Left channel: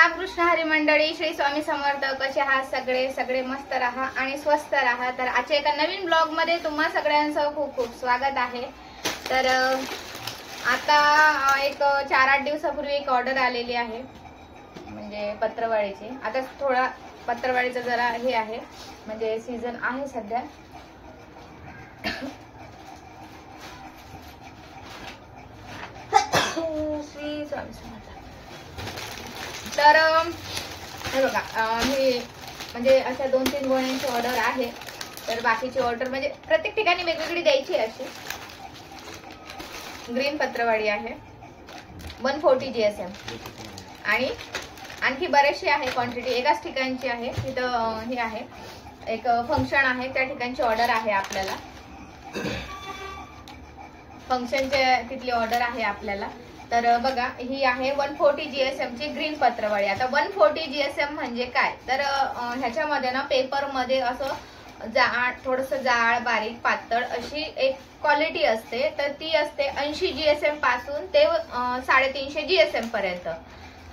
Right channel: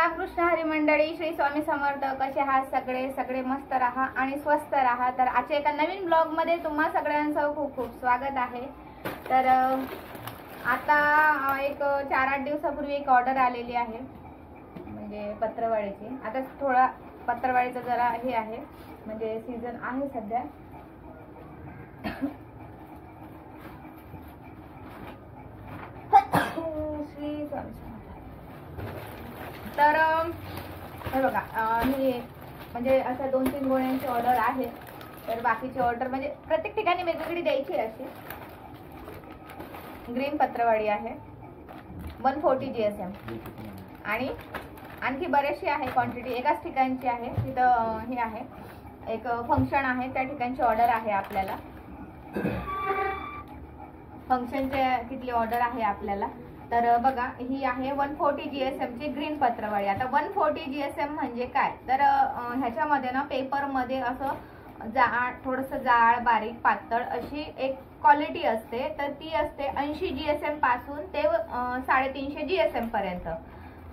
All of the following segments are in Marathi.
रामकृष्ण हरी मंडळी, श्री स्वामी समर्थ. कसे आहात सगळे मस्त राहा आणि स्वस्त राहा. तर आजच्या एका नवीन ब्लॉग मध्ये तुम्हा सगळ्यांचं खूप खूप स्वागत आहे. तर आता एक 4-8 दिवसापूर्वी एक ऑर्डर आलेली आहे, म्हणजे पत्रवाळीची. आता थोडा पत्रवाळीचा जरा हे आहे, म्हणजे सीझन आहे सध्या. श्री स्वामी समर्थ. तर हे बघा, मी म्हणजे अशा 2-3 गोण्यांची ऑर्डर आहे. तर बाकीची ऑर्डर म्हणजे प्रत्येक ठिकाणी वेगवेगळी द्यायची आहे. अशी ग्रीन पत्रवाळी आहे, 140 GSM. आणि आणखी बरेचशी आहे क्वांटिटी, एकाच ठिकाणची आहे. तिथं हे आहे, एक फंक्शन आहे, त्या ठिकाणची ऑर्डर आहे आपल्याला. फंक्शनच्या तिथली ऑर्डर आहे आपल्याला. तर बघा, ही आहे 140 GSM ची ग्रीन पत्रवाळी. आता 140 GSM म्हणजे काय, तर ह्याच्यामध्ये ना पेपर मध्ये असं जाड, थोडस जाड, बारीक, पातळ अशी एक क्वालिटी असते. तर ती असते 80 GSM पासून ते 350 GSM पर्यंत.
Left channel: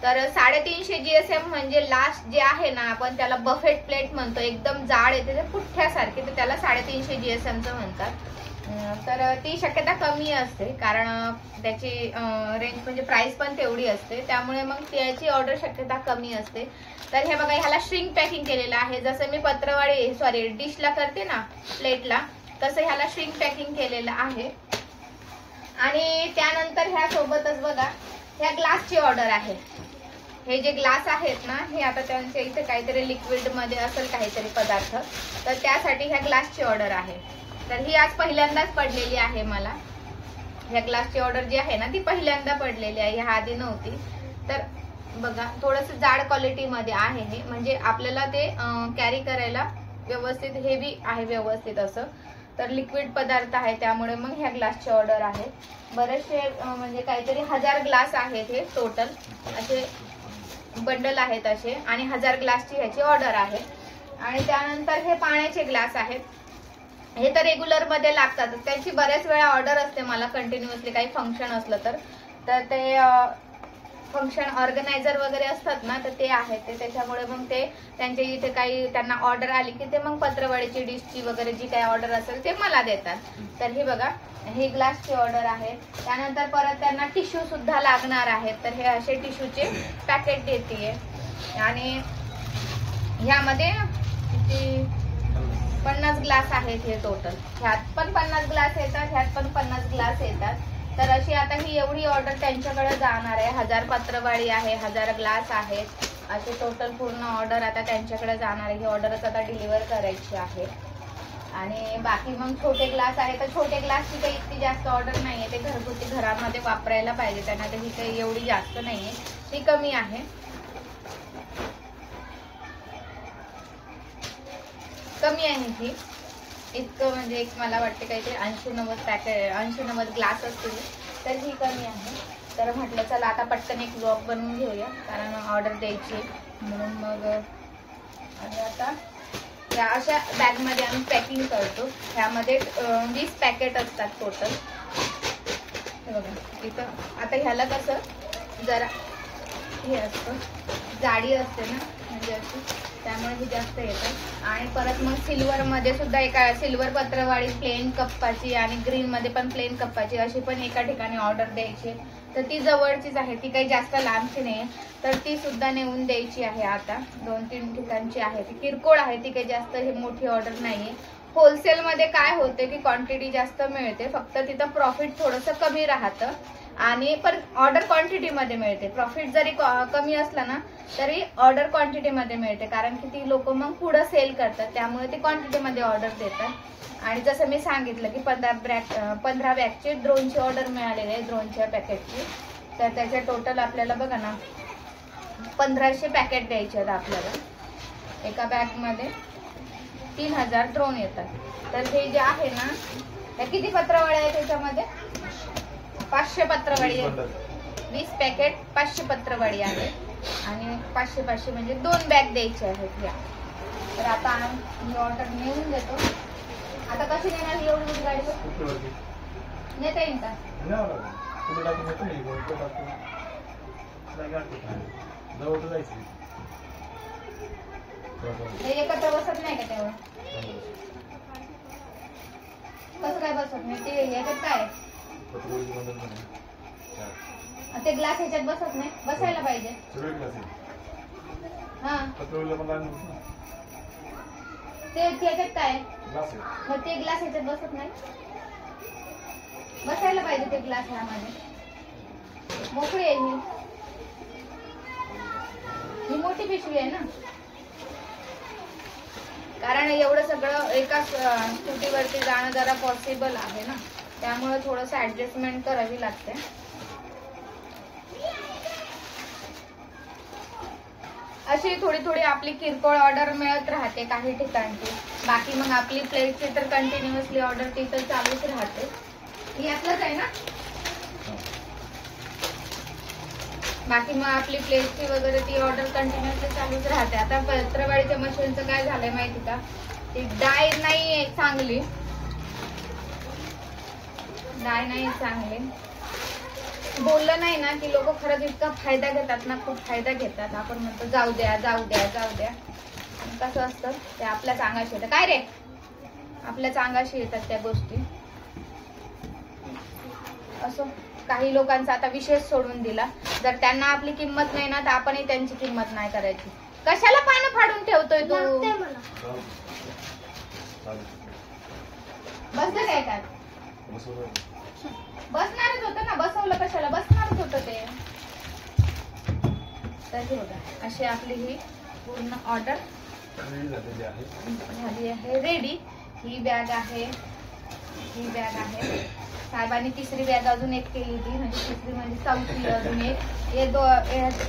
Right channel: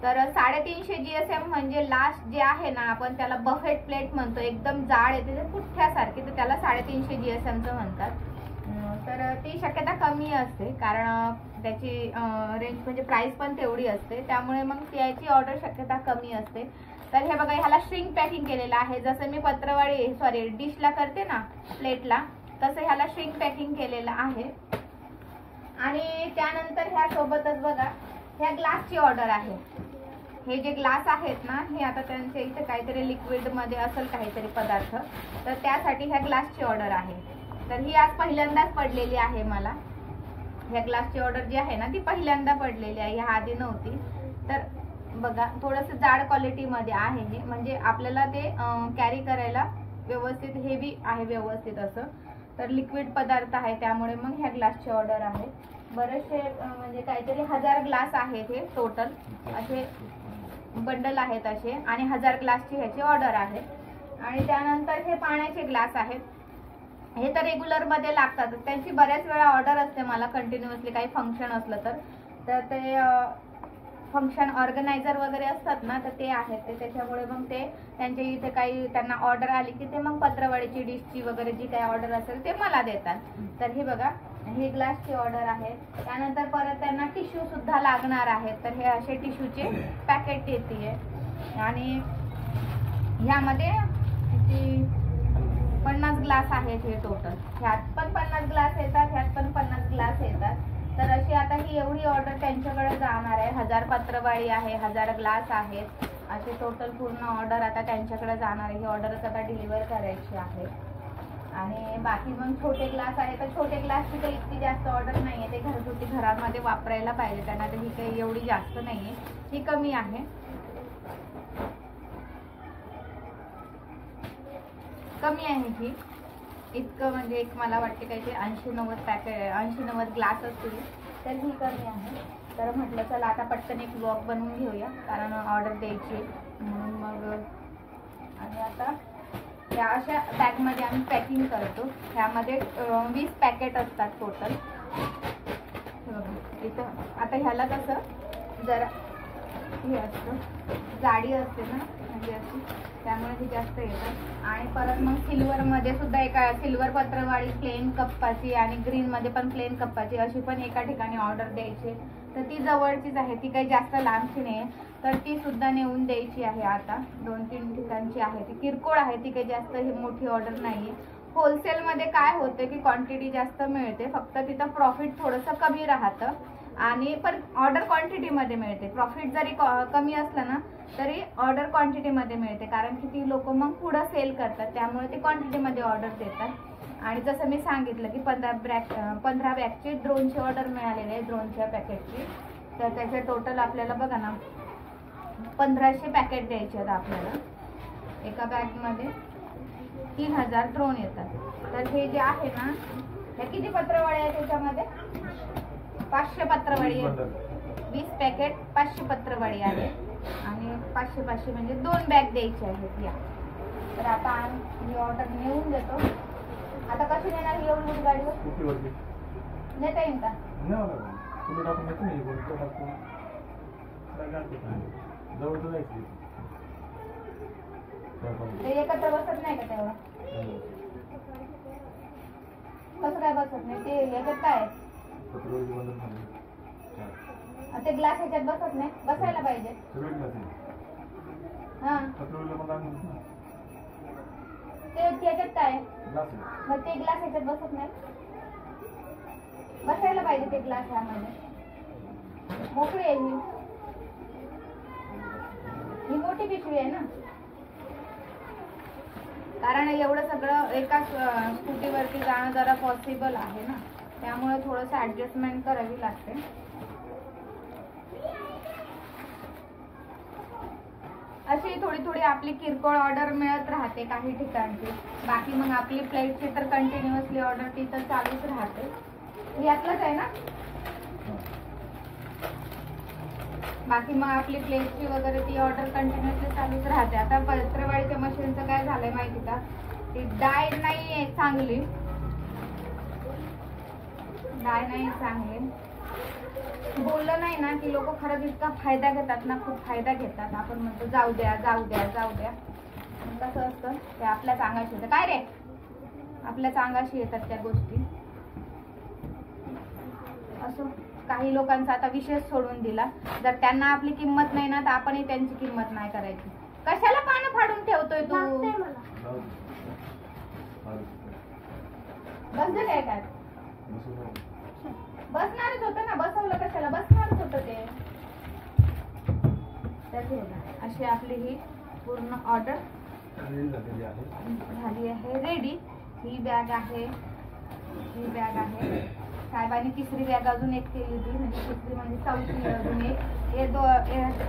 तर 350 GSM म्हणजे लास्ट जे आहे ना, आपण त्याला बफेट प्लेट म्हणतो, एकदम जाड येते ते पुठ्ठ्यासारखी, तर त्याला 350 GSM चं म्हणतात. तर ती शक्यता कमी असते, कारण त्याची रेंज म्हणजे प्राइस पण तेवढी असते, त्यामुळे मग त्याची ऑर्डर शक्यता कमी असते. तर हे बघा, ह्याला श्रिंक पॅकिंग केलेलं आहे. जसं मी पत्रवाळी डिशला करते ना, प्लेटला, तसं ह्याला श्रिंक पॅकिंग केलेलं आहे. आणि त्यानंतर ह्या सोबतच बघा, ह्या ग्लासची ऑर्डर आहे. हे जे ग्लास आहेत ना, हे आता त्यांच्या इथे काहीतरी लिक्विड मध्ये असेल काहीतरी पदार्थ, तर त्यासाठी ह्या ग्लासची ऑर्डर आहे. तर ही आज पहिल्यांदाच पडलेली आहे मला. ह्या ग्लासची ऑर्डर जी आहे ना, ती पहिल्यांदा पडलेली आहे, ह्या आधी नव्हती. तर बघा, थोडस जाड क्वालिटी मध्ये आहे हे, म्हणजे आपल्याला ते कॅरी करायला व्यवस्थित हेवी आहे, व्यवस्थित असं. तर लिक्विड पदार्थ आहे, त्यामुळे मग ह्या ग्लासची ऑर्डर आहे. बरेचसे म्हणजे काहीतरी 1000 ग्लास आहेत हे टोटल, असे बंडल आहेत असे, आणि 1000 ग्लासची ह्याची ऑर्डर आहे. आणि त्यानंतर हे पाण्याचे ग्लास आहेत. हे तर रेग्युलर मध्ये लागतात, त्यांची बऱ्याच वेळा ऑर्डर असते मला कंटिन्युअसली, काही फंक्शन असलं तर ते फंक्शन ऑर्गनायझर वगैरे असतात ना, तर ते आहेत ते, त्याच्यामुळे मग ते त्यांच्या इथे काही त्यांना ऑर्डर आली की ते मग पत्रवाळीची डिशची वगैरे जी काही ऑर्डर असेल ते मला देतात. तर हे बघा, ही ग्लासची ऑर्डर आहे. त्यानंतर परत त्यांना टिश्यू सुद्धा लागणार आहेत, तर हे असे टिश्यूचे पॅकेट देते. आणि ह्यामध्ये 50 ग्लास आहेत हे टोटल. ह्यात पण 50 ग्लास येतात, ह्यात पण 50 ग्लास येतात. तर अशी आता ही एवढी ऑर्डर त्यांच्याकडे जाणार आहे. 1000 पत्रवाळी आहे, 1000 ग्लास आहेत, असे टोटल पूर्ण ऑर्डर आता त्यांच्याकडे जाणार आहे. ही ऑर्डरच आता डिलिव्हर करायची आहे. आणि बाकी मग छोटे ग्लास आहे, तर छोटे ग्लासची काही इतकी जास्त ऑर्डर नाहीये, ते घरगुती घरामध्ये वापरायला पाहिजे त्यांना, तर ही काही एवढी जास्त नाहीये, ही कमी आहे. कमी आहे ही, इतकं म्हणजे एक मला वाटते काहीतरी 80-90 पॅकेट, 80-90 ग्लास असतील, तर ही कमी आहे. तर म्हटलं चला आता पटकन एक ब्लॉग बनवून घेऊया, कारण ऑर्डर द्यायची म्हणून. मग आणि आता या अशा बॅगमध्ये आम्ही पॅकिंग करतो. ह्यामध्ये 20 पॅकेट असतात टोटल. हे बघा इथं. आता ह्याला कसं जरा हे असतं, जाडी असते ना, म्हणजे अशी, त्यामुळे ही जास्त येतात. आणि परत मग सिल्वर मध्ये सुद्धा एका सिल्वर पत्रवाळी प्लेन कप्पाची, आणि ग्रीन मध्ये पण प्लेन कप्पाची, अशी पण एका ठिकाणी ऑर्डर द्यायची. तर ती जवळचीच आहे, ती काही जास्त लांबची नाही, तर ती सुद्धा नेऊन द्यायची आहे. आता 2-3 ठिकाणची आहे, ती किरकोळ आहे, ती काही जास्त ही मोठी ऑर्डर नाहीये. होलसेल मध्ये काय होते की क्वांटिटी जास्त मिळते, फक्त तिथं प्रॉफिट थोडंसं कमी राहतं, आणि पण ऑर्डर क्वांटिटी मध्ये मिळते. प्रॉफिट जरी कमी असलं ना, तरी ऑर्डर क्वांटिटी मध्ये मिळते, कारण की ती लोक मग पुढे सेल करतात, त्यामुळे ते क्वांटिटी मध्ये ऑर्डर देतात. आणि जसं मी सांगितलं की 15 बॅगची ड्रोनची ऑर्डर मिळालेली आहे, ड्रोनच्या पॅकेटची. तर त्याच्या टोटल आपल्याला बघा ना 1500 पॅकेट द्यायचे आहेत आपल्याला. एका बॅग मध्ये 3000 ड्रोन येतात. तर हे जे आहे ना, हे किती पत्रवाळी आहे त्याच्यामध्ये? 500 पत्रवाळी आहे. 20 पॅकेट 500 पत्रवाळी आहे, आणि 500 म्हणजे 2 बॅग द्यायचे आहेत या. तर आता ही ऑर्डर नेऊन देतो. आता कशी नेणार ही एवढी गाडी? नेता येईल का? ते एकत्र बसत नाही का तेव्हा? कसं काय बसत नाही? ते ह्याच्यात काय आहे? ते ग्लास ह्याच्यात बसत नाही, बसायला पाहिजे. हा ते त्याच्यात काय आहे? मग ते ग्लास ह्याच्यात बसत नाही, बसायला पाहिजे ते ग्लास ह्यामध्ये. मोकळी आहे ही मोठी पिशवी आहे ना, कारण एवढं सगळं एका स्कूटीवरती जाणं जरा पॉसिबल आहे ना, त्यामुळे थोडस ऍडजस्टमेंट करावी लागते. अशी थोडी थोडी आपली किरकोळ ऑर्डर मिळत राहते काही ठिकाणची. बाकी मग आपली प्लेटची तर कंटिन्युअसली ऑर्डर ती तर चालूच राहते. यातलंच आहे ना. बाकी मग आपली प्लेटची वगैरे ती ऑर्डर कंटिन्युअसली चालूच राहते. आता पत्रवाळीच्या मशीनचं काय झालंय माहिती का, ती डाय नाही चांगली, डाय नाही चांगली. बोललं नाही ना की लोक खरंच इतका फायदा घेतात ना, खूप फायदा घेतात. आपण म्हणतो जाऊ द्या जाऊ द्या जाऊ द्या, कसं असतं ते आपल्याच अंगाशी येतं. काय रे, आपल्याच अंगाशी येतात त्या गोष्टी. असो, काही लोकांचा आता विशेष सोडून दिला. जर त्यांना आपली किंमत नाही ना तर आपणही त्यांची किंमत नाही करायची. कशाला पानं फाडून ठेवतोय तू? बसलं काय काय? बसणारच होतं ना, बसवलं कशाला, बसणारच होतं ते. तर हे बघा, अशी आपली ही पूर्ण ऑर्डर झाली आहे, रेडी. ही बॅग आहे, ही बॅग आहे. साहेबांनी तिसरी बॅग अजून एक केली होती, म्हणजे तिसरी म्हणजे चौथी अजून एक. हे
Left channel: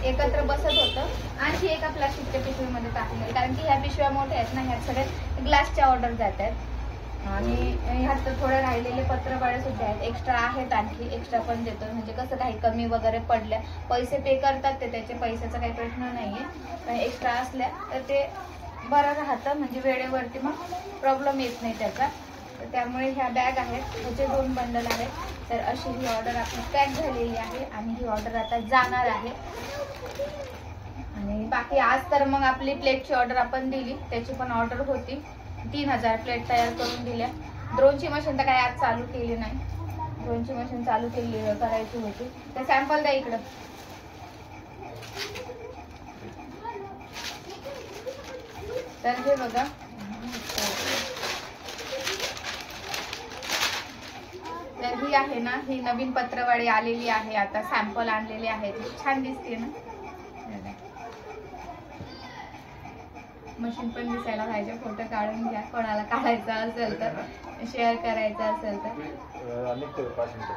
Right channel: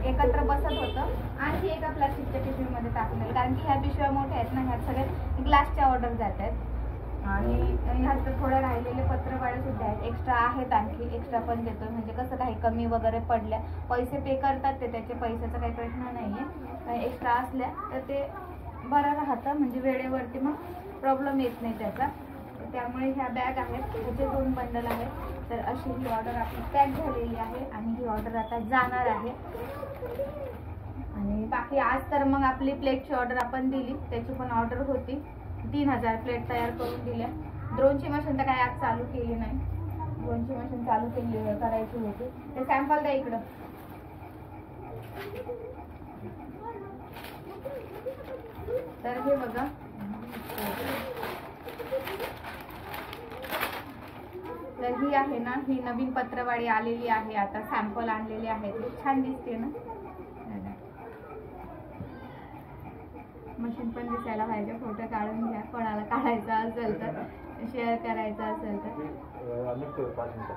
एकत्र बसत होतं. आणखी एका प्लास्टिकच्या पिशवीमध्ये टाकलं, कारण की ह्या पिशव्या मोठ्या आहेत ना, ह्या सगळ्या ग्लासच्या ऑर्डर जात आहेत. आणि ह्यात तर थोडे राहिलेले पत्रवाळे सुद्धा आहेत, एक्स्ट्रा आहेत, आणखी एक्स्ट्रा पण देतो. म्हणजे कसं काही कमी वगैरे पडल्या, पैसे पे करतात ते, त्याचे पैशाचा काही प्रश्न नाहीये. पण एक्स्ट्रा असल्या तर ते बरं राहतं, म्हणजे वेळेवरती मग प्रॉब्लेम येत नाही त्याचा. तर त्यामुळे ह्या बॅग आहेत, ह्याचे 2 बंडल आहेत. तर अशी ही ऑर्डर आपली पॅक झालेली आहे आणि ही ऑर्डर आता जाणार आहे. आणि बाकी आज तर मग आपली प्लेटची ऑर्डर आपण दिली, त्याची पण ऑर्डर होती. 3000 प्लेट तयार करून दिल्या. ड्रोनची मशीन तर काय आज चालू केली नाही, ड्रोनची मशीन चालू करायची होती. तर सॅम्पल द्या इकडं. तर हे बघा, तर ही आहे ना, ही नवीन पत्रवाळी आलेली आहे, आता सॅम्पल आणलेले आहेत. छान दिसते ना, मशीन पण दिसायला पाहिजे. फोटो काढून घ्या, कोणाला काढायचा असेल तर, शेअर करायचं असेल तर.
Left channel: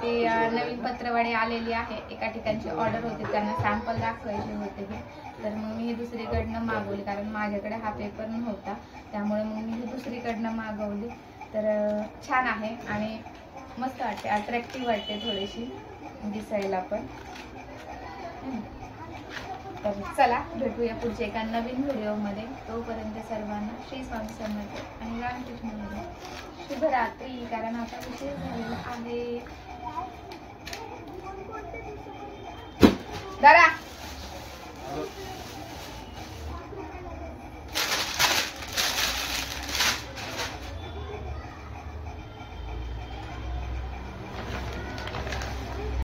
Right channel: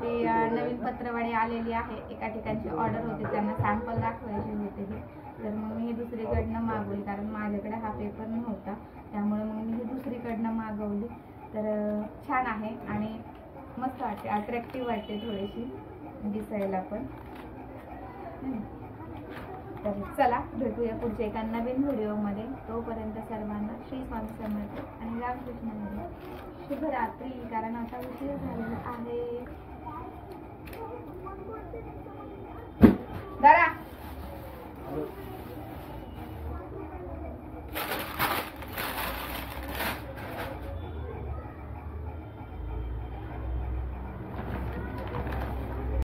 ती नवीन पत्रवाळी आलेली आहे, एका ठिकाणची ऑर्डर होती, त्यांना सॅम्पल दाखवायचे होते. तर मग मी ही दुसरीकडनं मागवली, कारण माझ्याकडे हा पेपर नव्हता, त्यामुळे मग मी ही दुसरीकडनं मागवली. तर छान आहे आणि मस्त वाटते, अट्रॅक्टिव्ह वाटते थोडीशी दिसायला पण. तर चला भेटूया पुढच्या एका नवीन व्हिडिओमध्ये. तोपर्यंत सर्वांना श्री स्वामी समर्थ आणि रामकृष्ण हरी. शुभरात्री, कारण आता उशीर झालेला आहे. दादा